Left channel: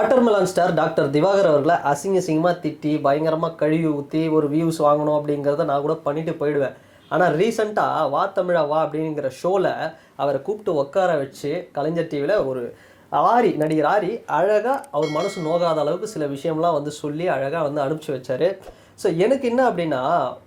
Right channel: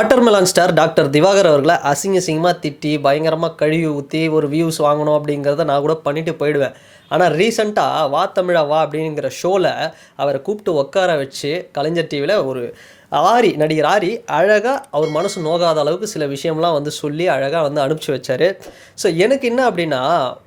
Watermelon star doctor Diwakar அவர்களை அசிங்கமாக திட்டி பயங்கரமாக கழுவி ஊற்றி ஒரு வியூஸ் வாங்கணும் அப்படிங்கிறத நான் கூட பண்ணிட்டு போயிடுவேன். ஆனால் ரீசெண்டாக வா தமிழா வா அப்படிங்கிற ஷோவில் அவரை கூப்பிட்டு உட்கார வச்சு கலைஞர் டிவியில் ஒரு நடிகர் ஆரி அழகாக அவர் மனசு நோகாத அளவுக்கு சில விஷயம்லாம் வந்து சொல்லி அழகாக வந்து அனுப்பிச்சி வச்சார். ஸோ எனக்கு என்ன அப்படின்னா,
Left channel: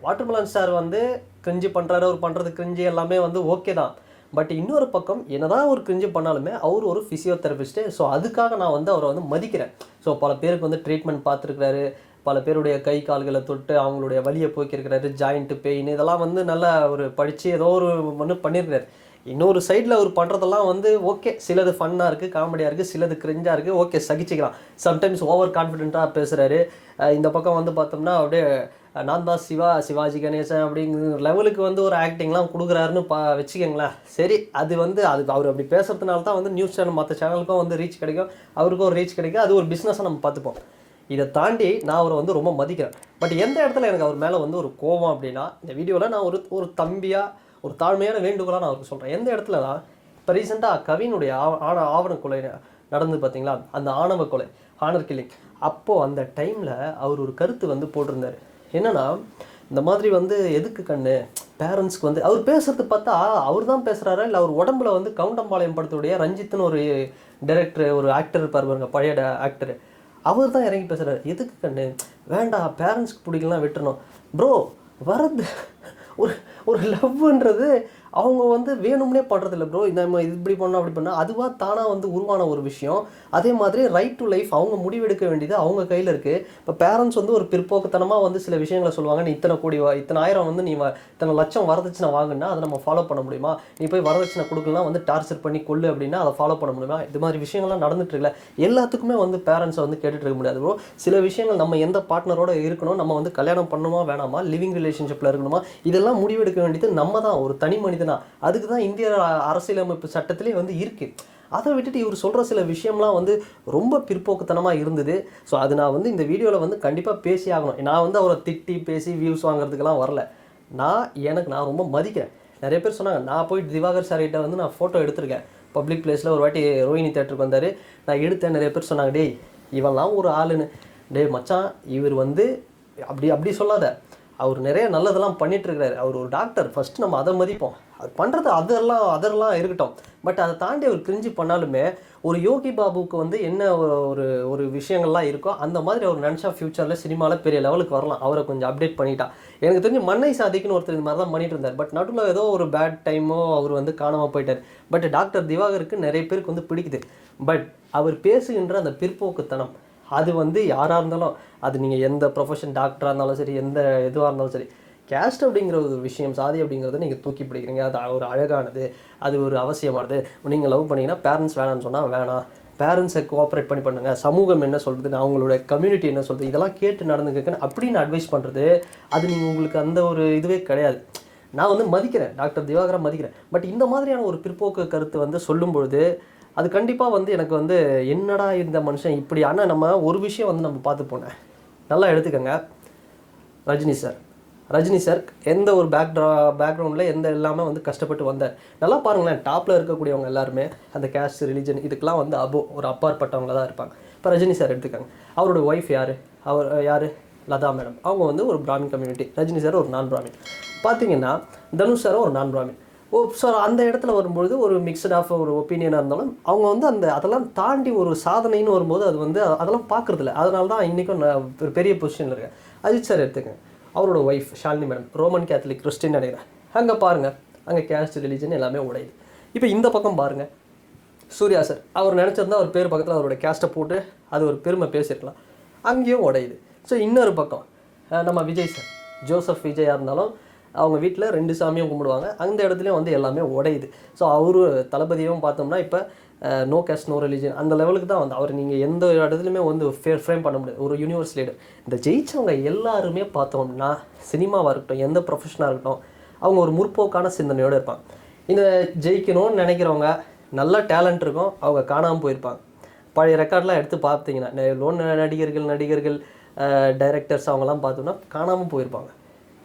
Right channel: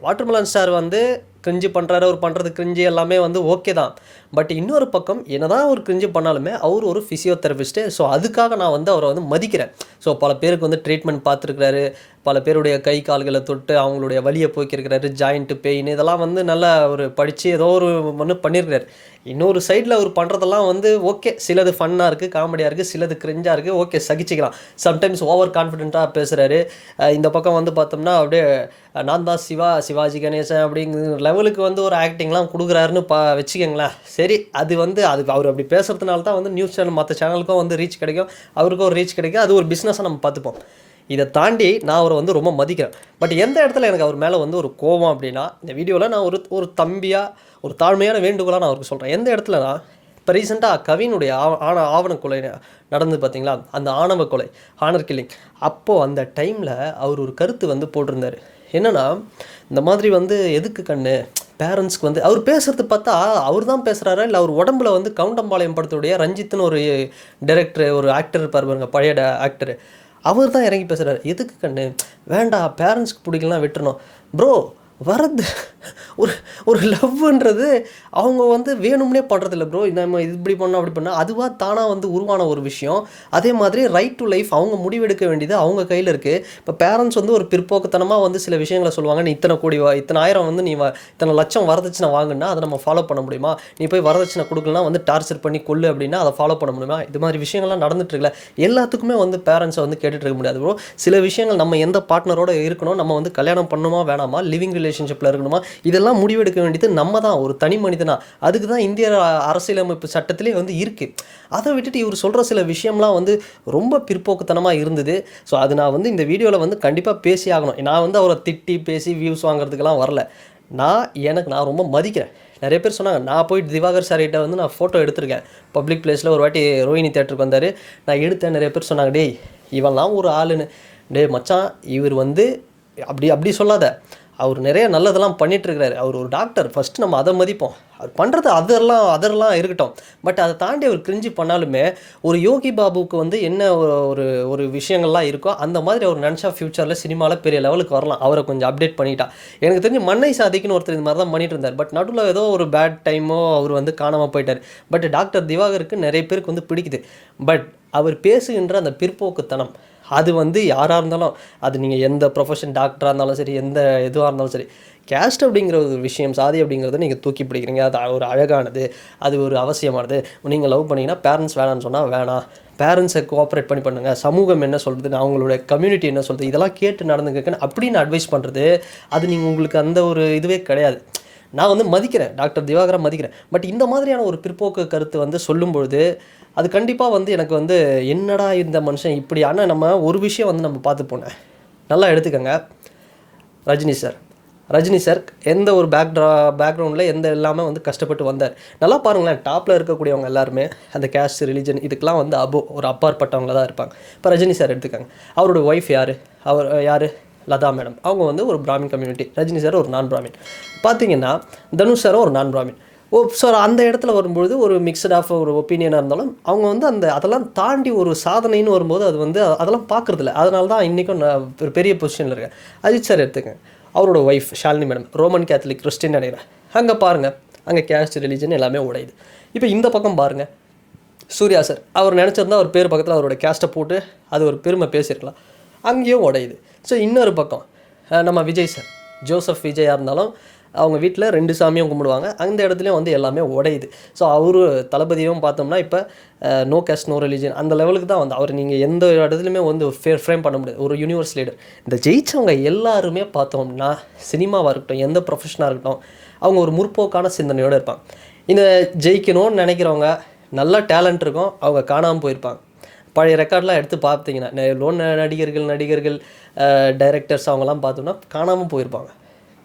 வாட்டர்மெலன் ஸ்டார் வந்து கிரிஞ்சு பண்ணுறாரு, அவர் பண்ணுறது கிரிஞ்சு எல்லாமே வந்து ஓகே தான். பட் இன்னொரு பக்கம் என்னதான் ஒரு கிரிஞ்சு பண்ணாலுமே அவர் ஒரு ஃபிசியோதெரபிஸ்ட்டு. ஸோ அதுக்காக நான் வந்து அவரை வந்து மதிக்கிறேன். ஸோ பல பேருக்கு வந்து ட்ரீட்மெண்ட் பார்த்துருக்கிறாரு, பல பேருடைய கை கால்களை தொட்டு அவங்களுடைய வலியை போக்கியிருக்கிறாரு, ஜாயிண்ட்டு பெயின் இதெல்லாம் வந்து நல்லா ஒரு படித்து ஏதோ ஒரு ஒன்று பண்ணியிருக்கிறாரு. இன்னொரு சைடில் அவர் பண்ணுறதெல்லாம் வந்து ஓகே, சிலது ஃபன்னாக இருக்குது, காமெடியாக இருக்குது, சிலது கிரிஞ்சாக இருக்குது, ஓகே சகிச்சிக்கலாம். சம்டைம்ஸ் ஓவர் கான்ஃபிடென்ட்டாக பேசுகிறாரு. இந்த பக்கம் வந்து பார்த்தோம்னா அப்படியே நான் தான் சிவாஜி கணேசன் அப்படிங்கிற லெவலுக்கு வந்து ஒரு ஆக்டிங்லாம் கொடுக்குறாருன்னு வச்சுக்கோங்களேன். சரி, அது வந்து அதுக்கு அவர் அப்படி பேசுகிறதுனால தான் வந்து நியூஸ் சேனல் மற்ற சேனலுக்கும் வந்து ரீச் கிடைக்கும், அவருக்கும் ஒரு ரீச் கிடைக்கும். அது ஒரு பிஸ்னஸாக நம்ம பார்த்துப்போம். இதை தாண்டி நான் அவரை வந்து ரொம்ப மதிக்கிறேன். பட் எந்த இடத்துல எனக்கு அவர் மேலே வந்து ஒரு கோபம் அப்படின்னா, இந்த வீடியோவில் நான் ஒரு தம்பியாக ஒரு தாழ்மையான வேண்டுகோளாக நான் அவருக்கு சொல்கிறேன். எந்த இடத்துலனா, இப்போ ரீசெண்டாக கவினுடைய ஆவண கொலை நடந்து பார்த்தீங்களா, அந்த ஆணவ கொலை, ஹானர் கில்லிங். அப்போது அந்த டைமில் அவர் ஒரு கருத்து வந்து போட்டிருந்தார். என்னென்னா, இந்த மாதிரி வந்து எதுக்கு கண்ணு பேரண்ட்ஸ்க்கு வந்து அவர் பேசுகிறது பார்த்தா அவர் தான் பேசுகிறாரா இல்லை அவர் உடம்புல வந்து கவுண்டம்பாளையம் படத்துடைய ரஞ்சித்னு ஒரு டைரக்டர், ஒரு ஆக்டர் இருப்பார் பாருங்க, பழைய ஆக்டரு, அவர் தான் இறங்கி பேசுகிறார். எதுக்கு கண்ணு வேண்டாம், பேரண்ட்ஸ்க்கு பிடிக்கலாம் விட்டுறணும். ப்ரோ, வரது ஒரு லவ்ன்றது அவங்க வந்து வேணும்னே பண்ணுறதில்ல ப்ரோ. நம்ம இப்படி பண்ணால் அப்படி பண்ணால் அதுவாக தானாக வந்து உருவான ஒரு விஷயம். அதே மாதிரி ரைட் டு லைஃப் அவங்க முடிவெடுக்க வேண்டியது அவங்க கையில் இருக்குது. இப்போ பேரண்ட்ஸ் வந்து ஒரு பிற்போக்குத்தனமாக வந்து சில விஷயங்களை சொல்லுவாங்க. நீ இத்தனை கோடி இத்தனை ஆயிரம் வந்து நீ இத்தனை லட்சம் வரதட்சணை வாங்குன்னா அதை நம்ம ஃபாலோ பண்ண முடியுமா? நீ போய் வரதட்சணை கொடுக்கலாம் வந்து டார்ச்சர் பண்ணி கொள்ளு அப்படின்னா அதை ஃபாலோ பண்ண முடியுமா? இது மாதிரி விஷயங்கள்லாம் நடந்துட்டு இருக்குல்ல. எல்லாத்துக்குமே வந்து பேரண்ட்ஸை வந்து கேட்டுட்டு இருக்க முடியாது ப்ரோ. சில விஷயங்கள் நம்ம எந்த பார்ட்னரோடு இருக்கணும், நம்ம வந்து கல்யாணம் பண்ணணுமா வேணாமா, லிவிங் ரிலேஷன்ஷிப்பில் இருக்கணுமா, இதெல்லாம் முடிவெடுக்க வேண்டியது நம்ம தான், ஒரு தனி மனிதனா. அதுக்கு தான் இந்திய அரசியலமைப்பு சட்டத்திலே வந்து இருக்குது. அதை விட்டுட்டு இவர் சொல்கிற சில விஷயம்லாம் வந்து ரொம்ப பிற்போக்குத்தனமாக இருந்தது. ஸோ அது நான் வந்து இந்த வீடியோவில் வந்து கண்டிப்பாக பேசி ஆகணும். நான் வந்து அவரை திட்டி பேசி வியூஸ் வாங்குறதுக்கெல்லாம் வரல. நான் ரொம்ப மதிக்கிறேன். நிறைய பேர் சொன்னாங்க, நான் போய் திவாகர் சார்கிட்ட வந்து நான் ஃபோட்டோ எடுத்திருக்கேன். பப்ளிக் பிளேஸில் ஒரு வாட்டி ரோஹிணி தேட்டருக்கு வந்தார், நான் எடுத்தேன். நிறைய பேர் சொன்னாங்க, டேய் இவன்லாம் ஒரு ஆளுன்னு. டே மச்சான், இவர் வந்து அப்படி சொல்லாத, அவர் நிறைய நல்லதெல்லாம் பண்ணிகிட்ருக்கிறாரு. அவர் ஒரு டாக்டர், ஃபஸ்ட்டு நம்ம அதை மதிப்போம். அவர் பண்ணுறது அதெல்லாம் இருக்கட்டும். பட் அதை தாண்டி அவர் கிரிஞ்சு பண்ணாலுமே ஒரு யோகி பாபுவுக்கு வந்து என்ன ஒரு விஷயங்கள்லாம் இருக்கோ அந்த மாதிரி அவர் நினச்சா ஃப்யூச்சரில் சினிமாவில் பெரிய லெவலுக்கு வரலாம். அவரை கொஞ்சம் அப்டேட் பண்ணிட்டா. எனக்கு தெரிஞ்சு மண்ணை சாதிக்குன்னு ஒருத்தர் இந்த மாதிரி தான் பண்ணிட்டு இருந்தார். பட் நடுவில் ஏதோ ஒரு பேட் டைமோ அவர் வந்து காணாமல் போயிட்டார். பட் டாக்டர் திவாகருக்கு நிறைய பேருக்கு வந்து பிடிக்குது. பட் அவர் பேசுகின்ற அந்த பிற்போக்குத்தனம், அது வந்து யாராக இருந்தாலும், அது நீங்கள் எந்த ப்ரொஃபஷன் டாக்டராக இருந்தாலும் சரி, எந்த இதுவாக இருந்தாலும் சரி, கேஸ்ட் அப்படிங்கிற ஒரு விஷயம், சாதி அப்படிங்கிறத நீங்கள் தூக்கி பிடிக்கிறீங்க. அது ஒரு அழகானது, அது ஒரு அவசியமானது. நீங்கள் லவ் பண்ணிங்கன்னா பேரண்ட்ஸ் வேணான்னு சொன்னால் வேணாம், பேரண்ட்ஸை கோஆப்ரேட் பண்ணி பண்ணுங்கள், சமூகம் என்ன சொல்கிறது, அவங்களோட கம்யூனிட்டி என்ன சொல்கிறது, இதெல்லாம் கேட்டு நடந்துக்கன்னு அப்படின்னு அட்வைஸ் பண்ணுறது, அது நீங்கள் உங்களுக்கு அந்த ஒரு இதுவே கிடையாது. நான் வந்து மதிக்கிறேன், டாக்டர் திவாகரை மதிக்கிறேன். பட் இந்த மாதிரியான ஒரு பிற்போக்கு கருத்து வந்து சொல்லும்பொழுது அது கண்டிப்பாக வந்து எனக்கு வந்து என்னடா இந்த மனுஷன் இப்படி. ஆனால் நம்ம ஒரு விஷயம் வந்து நம்ம பார்த்து போனேன், நல்லா எடுத்துக்கோங்க. ரஜினி சார் எந்த ஒரு பேக்ரவுண்டில் எந்த எல்லாமே வந்து கஷ்டப்பட்டு வந்தார். நல்லா பாருங்களேன், டாப்பில் இருக்கக்கூடியவங்க எல்லாருமே அந்த கேஸ்ட் ரிலிஜன் இதுக்கெலாம் வந்து ஒரு அப்பாற்பட்டவங்க தான் இருப்பாங்க. இப்போ ரஜினி சார் எடுத்துக்காங்க, அவரோட ஒய்ஃப் யார் லதா மேடம், அவங்க வந்து ஒரு பிராமின் கம்யூனிட்டி. ரஜினி சார் ஒரு நான் பிராமின். பார்த்தீங்கன்னா தனுஷ் சாரும் ஒரு நான் பிராமின். ஸோ அந்த இடத்துல வரும்பொழுது ஒரு மிக்சட் ஆஃப் ஒரு ஒப்பீனியனாக இருந்தாலும் அவங்க வந்து அதெல்லாம் தாண்டி ஒரு சாதனைன்னு வரும்போது அது வந்து அதெல்லாம் பார்க்குறதில்ல. அதனால தான் இன்றைக்கும் நான் ஒரு பெரிய பொசிஷனில் இருக்கேன். அஜித் சார் எடுத்துக்கேன், அவரோட wife Shalini madam Roman Catholic Christian நினைக்கிறேன். அங்கே பாருங்கள், அங்கே கேஸ்ட் ரிலீஜன் எல்லாமே உடையுது. இப்போ இந்த பக்கம் பாருங்கள், சூர்யா சார் அவர் நினச்சிருந்தா அவர் பேர் பக்கத்தில் அவரோட கேஸ்ட்டை போட்டு அது ஒரு பெருமை பேசியிருக்கலாம், அங்கேயும் உடையுது. ஸோ இன்னொரு பக்கம் நம்ம விஜய் சார், ஜோசப் விஜயாக இருந்தாலும் அவங்க வீட்டில் 2 சாமியும் கும்பிடுவாங்க, அந்த இடத்துலையும் வந்து எல்லாமே உடையுது. ஸோ அவர் தளபதியும் பார்த்தோம்னா இப்போ நோ கேஸ்ட் நோ ரிலீஜன் அந்த லெவலுக்கு தான் வந்து அவர் நீங்கள் எந்த இடத்துலையுமே வந்து ஃப்ரேம் பண்ண முடியாது, ஒரு யூனிவர்ஸ் லீடர். இந்த ஜெயிச்சவங்க எல்லாருமே பார்த்தோம்னா சினிமாவாக இருக்கட்டும், எந்த ப்ரொஃபஷனாக இருக்கட்டும், அவங்க ஒரு முற்போக்கான சிந்தனையோடு இருப்பாங்க. இந்த ஜெயிக்கணும்னு நினைக்கிறவங்க நல்ல டேலண்ட் இருக்கும், அவங்க காணாமல் போயிருப்பாங்க. பழைய ரெக்கார்ட்லாம் எடுத்து பார்த்தீங்கன்னா நடிகர்கள் டைரக்டர்ஸ் அவங்கெல்லாம் பார்த்தோம்னா காணாமல் போயிருப்பாங்க.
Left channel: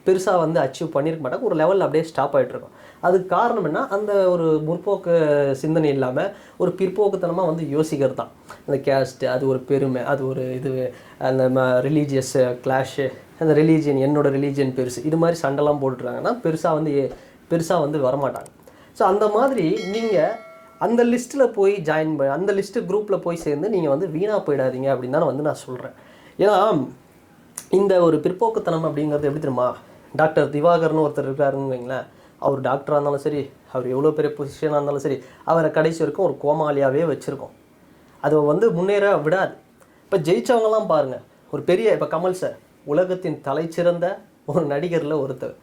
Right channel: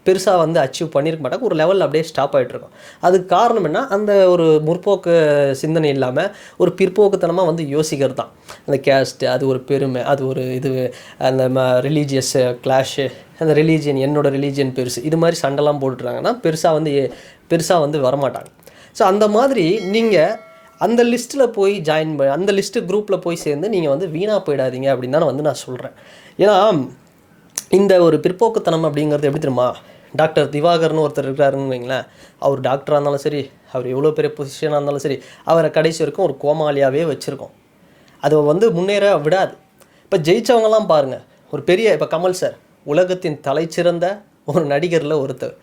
பெருசாக வந்து அச்சீவ் பண்ணியிருக்க மாட்டாங்க. ஒரு லெவலில் அப்படியே ஸ்டாப் ஆகிட்ருக்கும். அதுக்கு காரணம் என்ன, அந்த ஒரு முற்போக்கு சிந்தனை இல்லாமல் ஒரு பிற்போக்குத்தனமாக வந்து யோசிக்கிறது தான். அந்த கேஸ்ட்டு, அது ஒரு பெருமை, அது ஒரு இது, அந்த ரிலீஜியஸ் கிளாஷு, அந்த ரிலீஜியன், என்னோடய ரிலீஜியன் பெருசு, இது மாதிரி சண்டைலாம் போட்டுட்ருக்காங்கன்னா பெருசாக வந்து வரமாட்டாங்க. ஸோ அந்த மாதிரி நீங்கள் அந்த லிஸ்ட்டில் போய் ஜாயின் பண்ணி அந்த லிஸ்ட்டு குரூப்பில் போய் சேர்ந்து நீங்கள் வந்து வீணாக போயிடாதீங்க அப்படின்னு தான் வந்து நான் சொல்கிறேன். ஏன்னா இந்த ஒரு பிற்போக்குத்தனம் அப்படிங்கிறது எப்படி தெரியுமா, டாக்டர் திவாகர்னு ஒருத்தர் இருக்கிறாருன்னு வைங்களேன். அவர் டாக்டராக இருந்தாலும் சரி, அவர் எவ்வளோ பெரிய பொசிஷனாக இருந்தாலும் சரி, அவரை கடைசி வரைக்கும் ஒரு கோமாளியாகவே வச்சுருக்கோம். அது வந்து முன்னேற விடாது. இப்போ ஜெயித்தவங்கலாம் பாருங்கள், ஒரு பெரிய இப்போ கமல் சார் உலகத்தின் தலைச்சிறந்த ஒரு நடிகரில் ஒருத்தர்.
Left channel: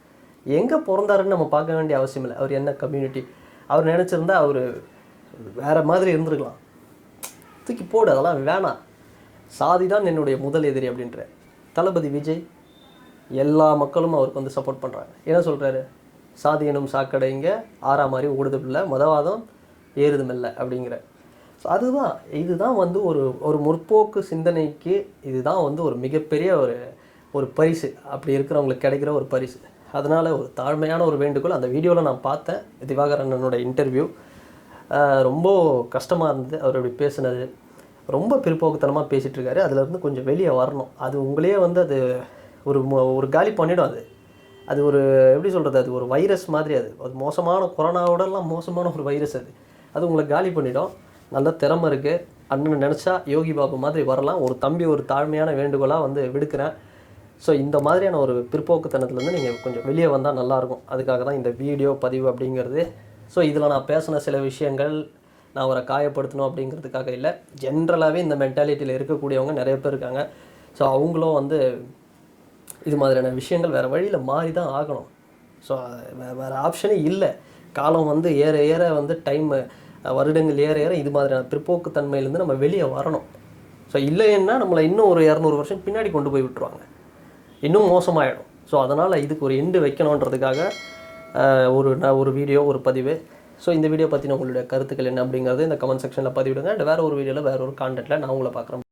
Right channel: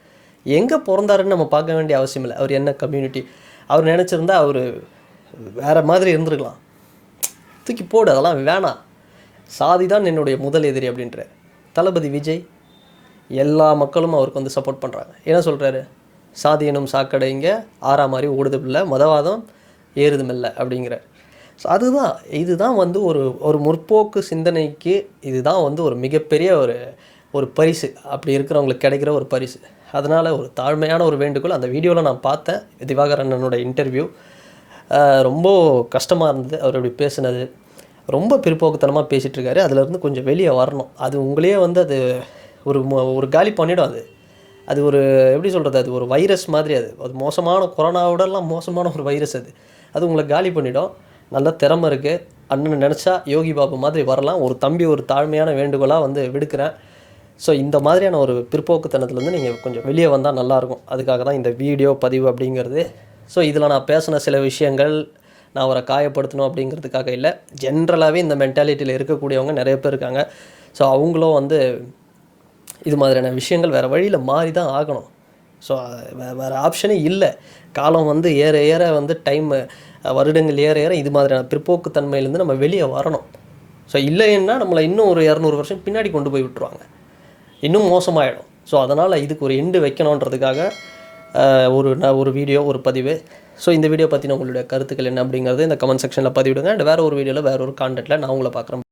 எங்கே பிறந்தாருன்னு நம்ம பார்க்க வேண்டிய அவசியம் இல்லை. அவர் என்ன கம்யூனிட்டி, அவர் நினச்சிருந்தா அவர் வேறு மாதிரி இருந்திருக்கலாம். தூக்கி போடு, அதெல்லாம் வேணாம். சாதி தான் என்னுடைய முதல் எதிரி அப்படின்ற தளபதி விஜய், எல்லா மக்களும் அவருக்கு வந்து சப்போர்ட் பண்ணுறாங்க. என்ன சொல்கிறாரு, சாதி எனும் சாக்கடைங்க ஆறா மாதிரி ஓடுது இல்லை, மதவாதம் ஏறுதுமில்லை அப்படிங்கிற. ஸோ இதுதான் வந்து ஒரு முற்போக்கு சிந்தனைக்கு இதுதான் வந்து ஒரு மிகப்பெரிய ஒரு பரிசு, அப்படி இருக்கிறவங்களுக்கு கிடைக்கிற ஒரு பரிசு. அதனால் ஒரு தாழ்மையான ஒரு வேண்டுகோள். அந்த வீடியோவில் நான் பார்த்தேன் திவாகர் அண்ணனோட இன்டர்வியூ. ரொம்ப கஷ்டமாக இருந்தது அவர் இப்படி பேசுனது. ரொம்ப பிற்போக்குத்தனமாக பேசிகிட்ருக்காரு. அதிலேருந்து கொஞ்சம் வெளியே வரணும். அது உங்களையே வந்து அது ஒரு காலி பண்ணிவிடும். அது ஒரு எப்படி சொல்கிறது, அது ஒரு வைரஸ் மாதிரி. அது மோசமான கொரோனாவோடலாம் மோசமான ஒரு வைரஸ். அது உங்களை காலி பண்ணிவிடும். நல்ல திறமை இருக்குது. அண்ணன் நினச்சா யோகி பாபு மாதிரி வரலாம். ஒரு தம்பி ஒரு தாழ்மையான வேண்டுகோளாக வந்து விடுக்கிறேன். ஸோ இந்த மாதிரியான ஒரு பிற்போக்குத்தனத்துலேருந்து நீங்கள் கொஞ்சம் வெளியே வந்தால் நல்லாயிருக்கும். அதுக்காக தான் இந்த வீடியோ பதிவு அப்படிங்கிறது. ஸோ இதில் நான் பேசின சில விஷயங்கள் நான் அவரை காயப்படுத்தணும் அப்படிங்கிறதுக்காக இல்லை. ஜென்ரலாகவே இந்த மென்டாலிட்டியில் இருக்கக்கூடியவங்க நிறைய பேர் இருக்காங்க. ஸோ அவங்களும் வந்து இது மாதிரியான விஷயங்கள் வேறு வழியில் மாறி தான் ஆகணும். ஸோ வேறு ஆப்ஷனே இல்லை. காலம் வந்து ஏற ஏற வந்து வருடங்கள் ஏற ஏற இது மாதிரியான பிற்போக்குத்தன்மையிலேருந்து நம்ம வெளியே வரணும். ஸோ இல்லைன்னா நம்மளை இன்னும் ஒரு 200 வருஷம் பின்னாடி கொண்டு போய் விட்டுருவாங்க, இன்னும் மோசமாகிடும். ஸோ அதனால் இதுக்கு ஒரு எண்டு வைக்கணுன்றதுக்காக ஒரு வீடியோ, ஒரு பதிவு. ஸோ இந்த வீடியோ பற்றின உங்களுடைய கருத்துக்கள் என்ன அப்படிங்கிறது இந்த கமெண்ட் செக்ஷனில் பதிவிடுங்க. அண்ட் வேறு ஒரு வீடியோவில் வேறு ஒரு கான்டென்ட்டில் நான் உங்களை பார்க்குறேன்.